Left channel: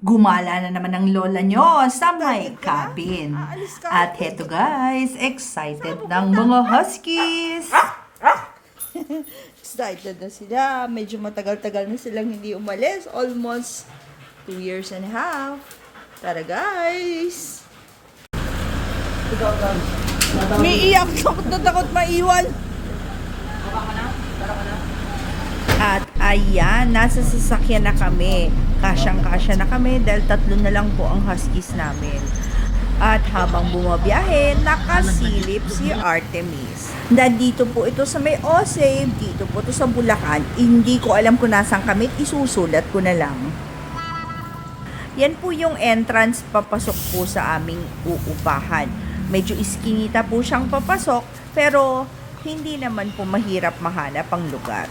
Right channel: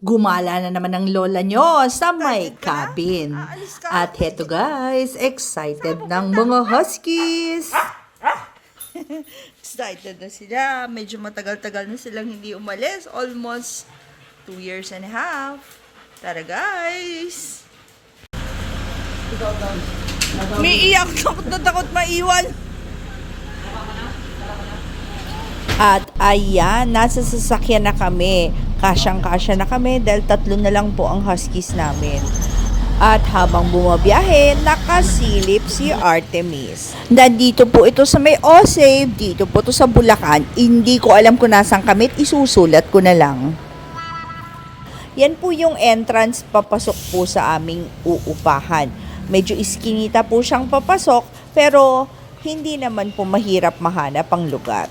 Gumala na naman ang lola nyo sa may Excited ka na? cabin. Aalis ka? At heto guys, excited ng pupunta? mga huskies. Excited na sila. Medyo matagal-tagal na silang hindi umalis. Almost 2 years and a half. Tara guys! May iyak. Takot na takot maiwan. At ayan, nasa sasakyan na kami. Kasyang-kasya na kami dahil 3 na lang po ang huskies namin. At habang bumabiyahe, nakasilip si Artemis. Nandito po ito sa may Osave, dito po ito sa Bulacan. Hindi ko alam kung nasaan kami, isusulat ko na lang. Yan po yung entrance papasok po sa aming uupahan. Medyo iskinita po siyang papasok, pero hindi naman po mahirap mahanap ang lugar.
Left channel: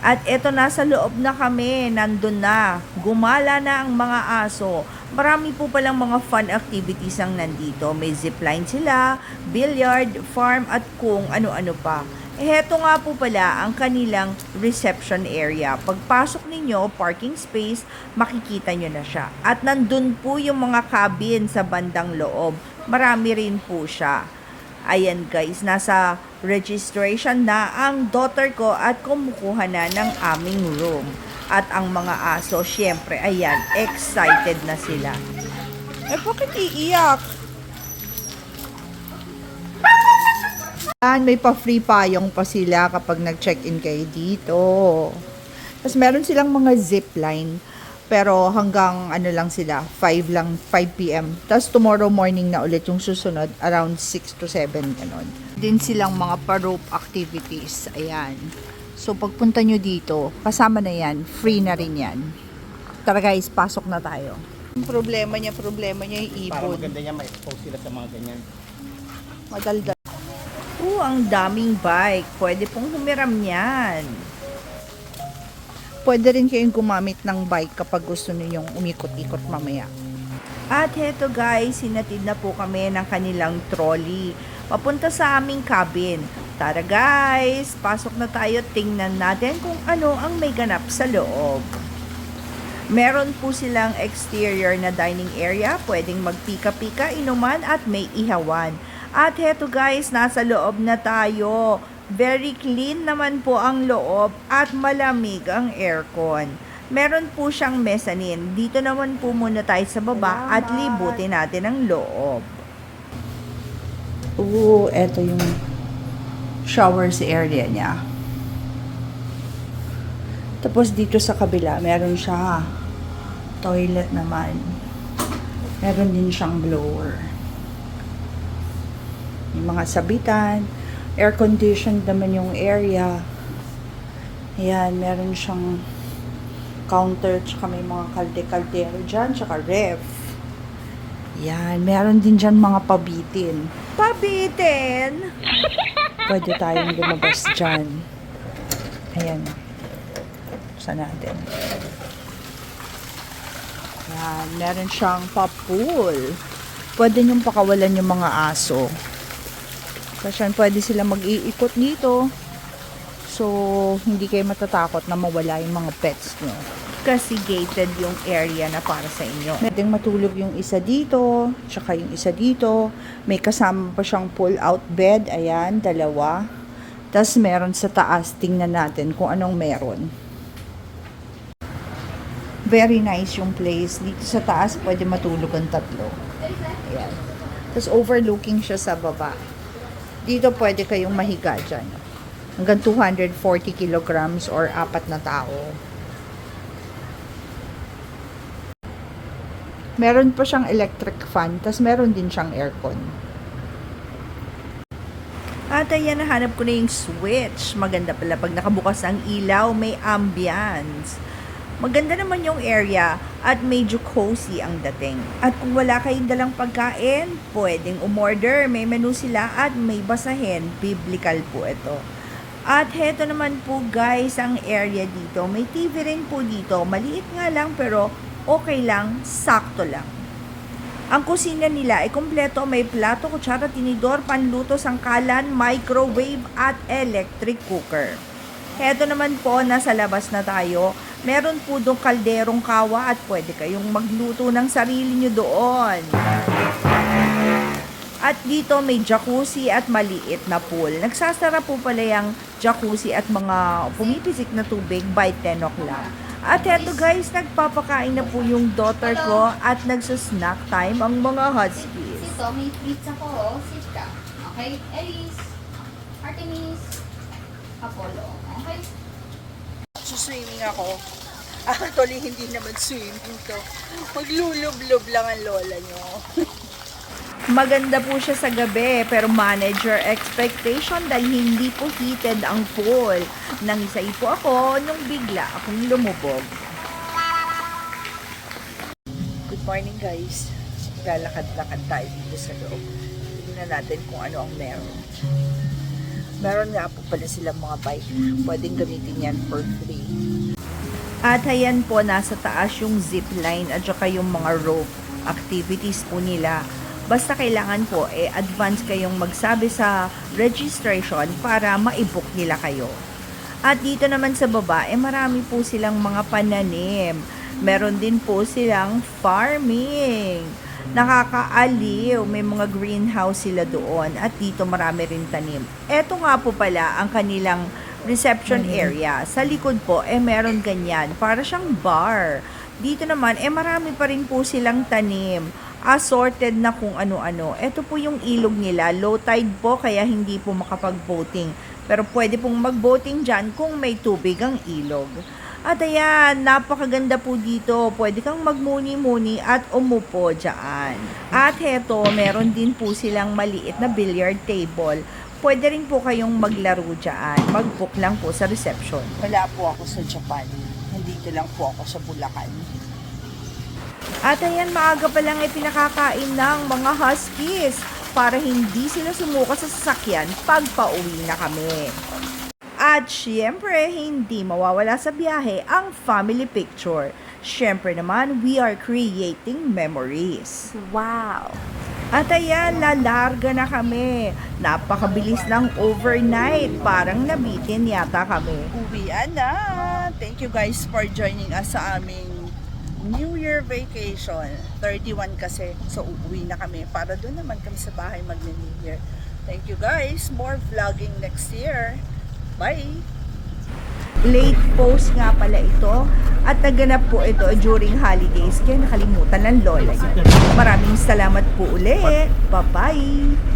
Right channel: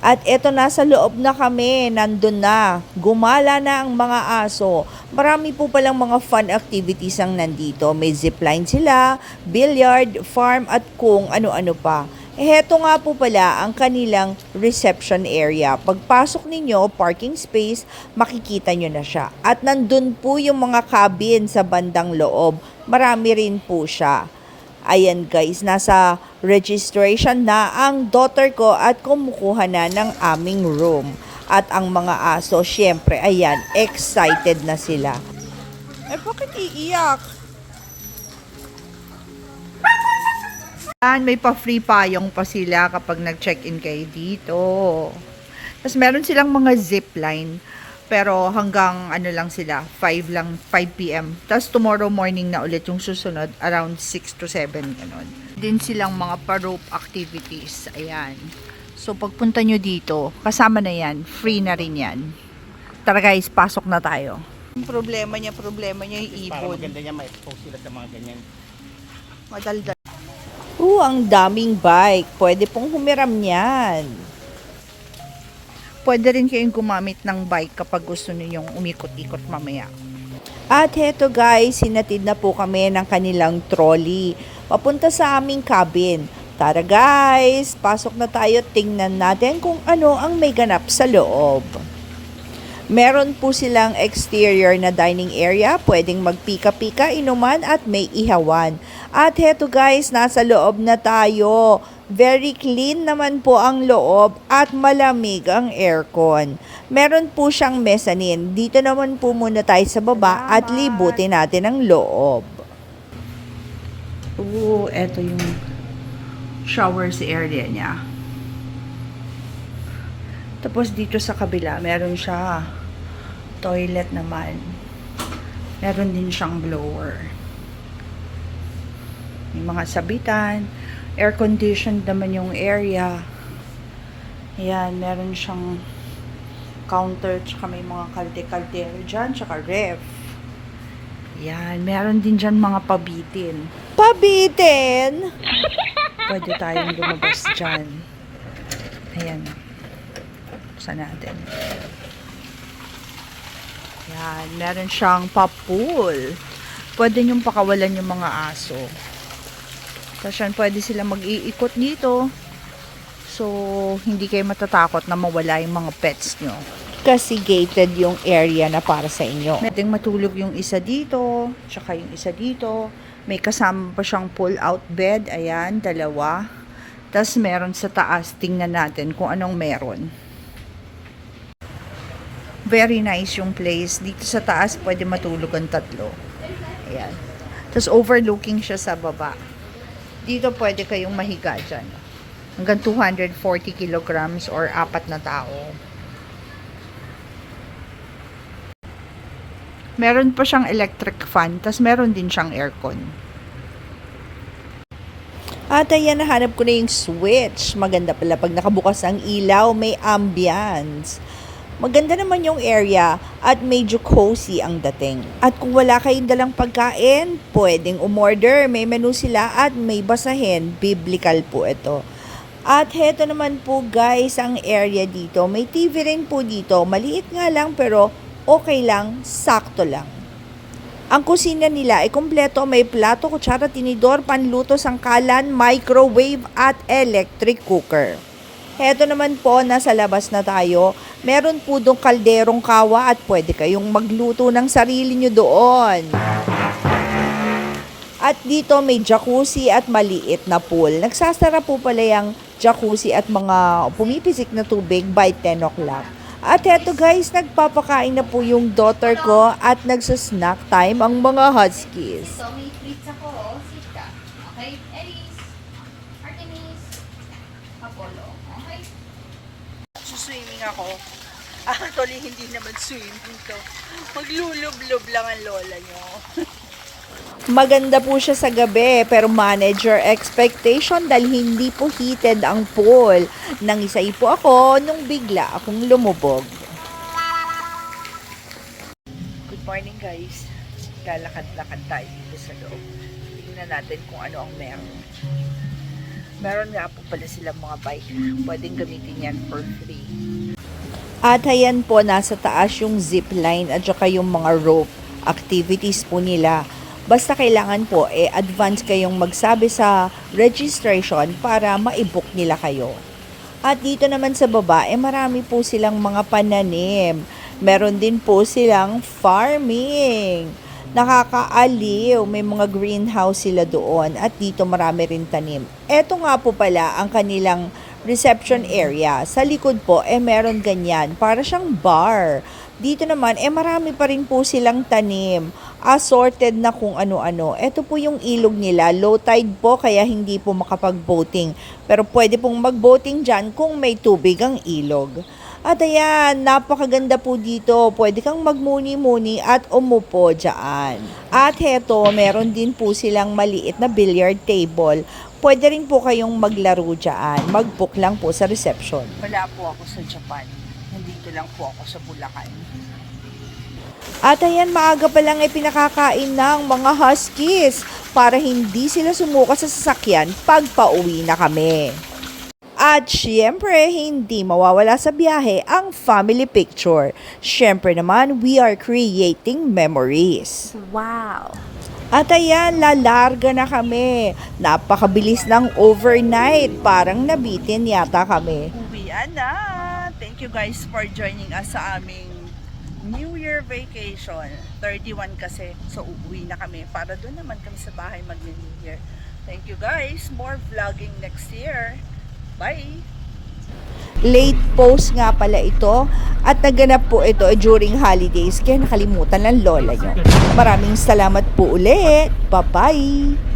At eto nasa loob na kami, nandun na, gumala na ang mga aso. Marami po palang mga fun activities ang nandito. May zipline sila, billiard, farm at kung ano-ano pa. Heto nga po pala ang kanilang reception area. Pagpasok ninyo, parking space, makikita nyo na siya. At nandun po yung mga cabin sa bandang loob. Marami rin po siya. Ayan guys, nasa registration na ang daughter ko at kumukuha na ng aming room. At ang mga aso, syempre, ayan, excited na sila. Eh, bakit iiyak? May pa-free payong pa sila kapag nag-check-in kayo dito. Tapos meron silang mga zipline. Pero hanggang ano lang sila, 5 p.m. Tapos tomorrow morning na ulit yung susunod, around 6 to 7, ganon. Din silang mga pa-rope activities, ayan. So pagpunta nyo dito, kasama na yan, free na rin yan. Tara guys, pasok na tayo. Ang problema niya yung Para ibon. maganda niya, ma-expose sila sa mga ganyan. Madaldal. Ang daming bike. Pwede pong humiram yan. Pwede rin kayong gumamit ng bike kapag gusto ninyong umikot-ikot mamaya. At heto guys, hinatid na po kami ng kanilang trolley. Papunta sa aming cabin. Tara guys, pasok na tayo. Tingnan natin kung ano ang may ganap sa loob. Meron po silang exterior na dining area. Pwedeng magpika-pika, inuman at may ihawan. At heto guys, nasa loob na tayo. Very clean naman po ang loob at malamig ang aircon. Meron po siyang mezzanine. Dito naman po muna tayo sa baba at libutin natin ang loob. Eto yung showers area niya. Tapos dito sa kabila, meron siya toilet naman. Meron din siyang blower. May mga sabitan. Air conditioned naman yung area. Ayan, meron siyang counter, tsaka may mga kalde-kaldero dyan, tsaka ref. Ayan, meron din dyan mga pabitin. Pabitin! Pwede tayong lumabas dyan. Ayan. Buksan natin. Ayan, meron siyang pa-pool. Pwede nyong pakawalan yung mga aso. Tapos yan, pwede sila mag-iikot dito. So, hindi kayo matatakot na mawala yung mga pets nyo. Kasi gated yung area na para sa inyo. Pwedeng matulog yung isa dito, tsaka yung isa dito. May kasama pa siyang pull-out bed. Ayan, 2. Tapos meron sa taas. Tingnan natin kung anong meron. Very nice yung place. Dito sa taas, pwede matulog ang 3. Ayan. Tapos overlooking siya sa baba. Dito pwede kayong mahiga dyan. Hanggang 240 kilograms or 4 na tao. Meron pa siyang electric fan, tas meron din siyang aircon. At ayan, nahanap ko na yung switch. Maganda pala pag nakabukas ang ilaw, may ambience. Maganda naman yung area at medyo cozy ang dating. At kung wala kayong dalang pagkain, pwedeng umorder. May menu sila at may basahin. Biblical po ito. At heto naman po guys ang area dito. May TV rin po dito. Maliit nga lang pero okay lang, sakto lang. Ang kusina nila ay kumpleto. May plato, kutsara, tinidor, panluto, sangkalan, microwave at electric cooker. Heto naman po, nasa labas na tayo. Meron po doong kalderong kawa at pwede kayong magluto ng sarili nyo doon. At dito may jacuzzi at maliit na pool. Nagsasara po pala yung jacuzzi at mga pumipisik na tubig by 10 o'clock. At eto guys, nagpapakain na po yung daughter ko at nagsasnack time ang mga huskies. So, may treats ako. Sit ka. Okay? Aries. Artemis. Apollo. Okay? Swimming ako. Actually, hindi naman swimming to. Maglulublob lang ang lola nyo. Maganda po siya sa gabi pero manager expectation dahil hindi po heated ang pool. Nangisay po ako nung bigla akong lumubog. Good morning guys. Lalakad-lakad tayo dito sa loob. Tingnan natin kung ano ang meron. Meron nga po pala silang mga bike. Pwedeng gamitin yan for free. At ayan po, nasa taas yung zip line at saka yung mga rope activities po nila. Basta kailangan po, advance kayong magsabi sa registration para ma-book nila kayo. At dito naman sa baba, marami po silang mga pananim. Meron din po silang farming. Nakakaaliw, may mga greenhouse sila doon. At dito marami rin tanim. Eto nga po pala ang kanilang reception area. Sa likod po, meron ganyan. Para siyang bar. Dito naman, marami pa rin po silang tanim. Assorted na kung ano-ano. Ito po yung ilog nila. Low tide po, kaya hindi po makapag-boating. Pero pwede pong mag-boating dyan kung may tubig ang ilog. At ayan, napakaganda po dito. Pwede kang magmuni-muni at umupo dyan. At heto, meron din po silang maliit na billiard table. Pwede rin po kayong maglaro dyan. Mag-book lang po sa reception. Wala po ako sa Japan. Nandito lang po ako sa Bulacan. At ayan, maaga pa lang pinakakain ng mga huskies para hindi sila sumuka sa sasakyan pag pauwi na kami. At syempre, hindi mawawala sa biyahe ang family picture. Syempre naman, we are creating memories. Wow! At ayan, lalarga na kami. Napakabilis ng overnight. Parang nabitin yata kami. Uwian na! Thank you guys for joining us sa aming New Year vacation. 31 kasi. So, uuwi na kami. Para doon naman kami sa bahay mag-New Year. Thank you guys. More vlogging next year. Bye! Late post nga pala ito at naganap po ito during holidays kaya nakalimutan ng lola niya. Maraming salamat po ulit. Bye-bye!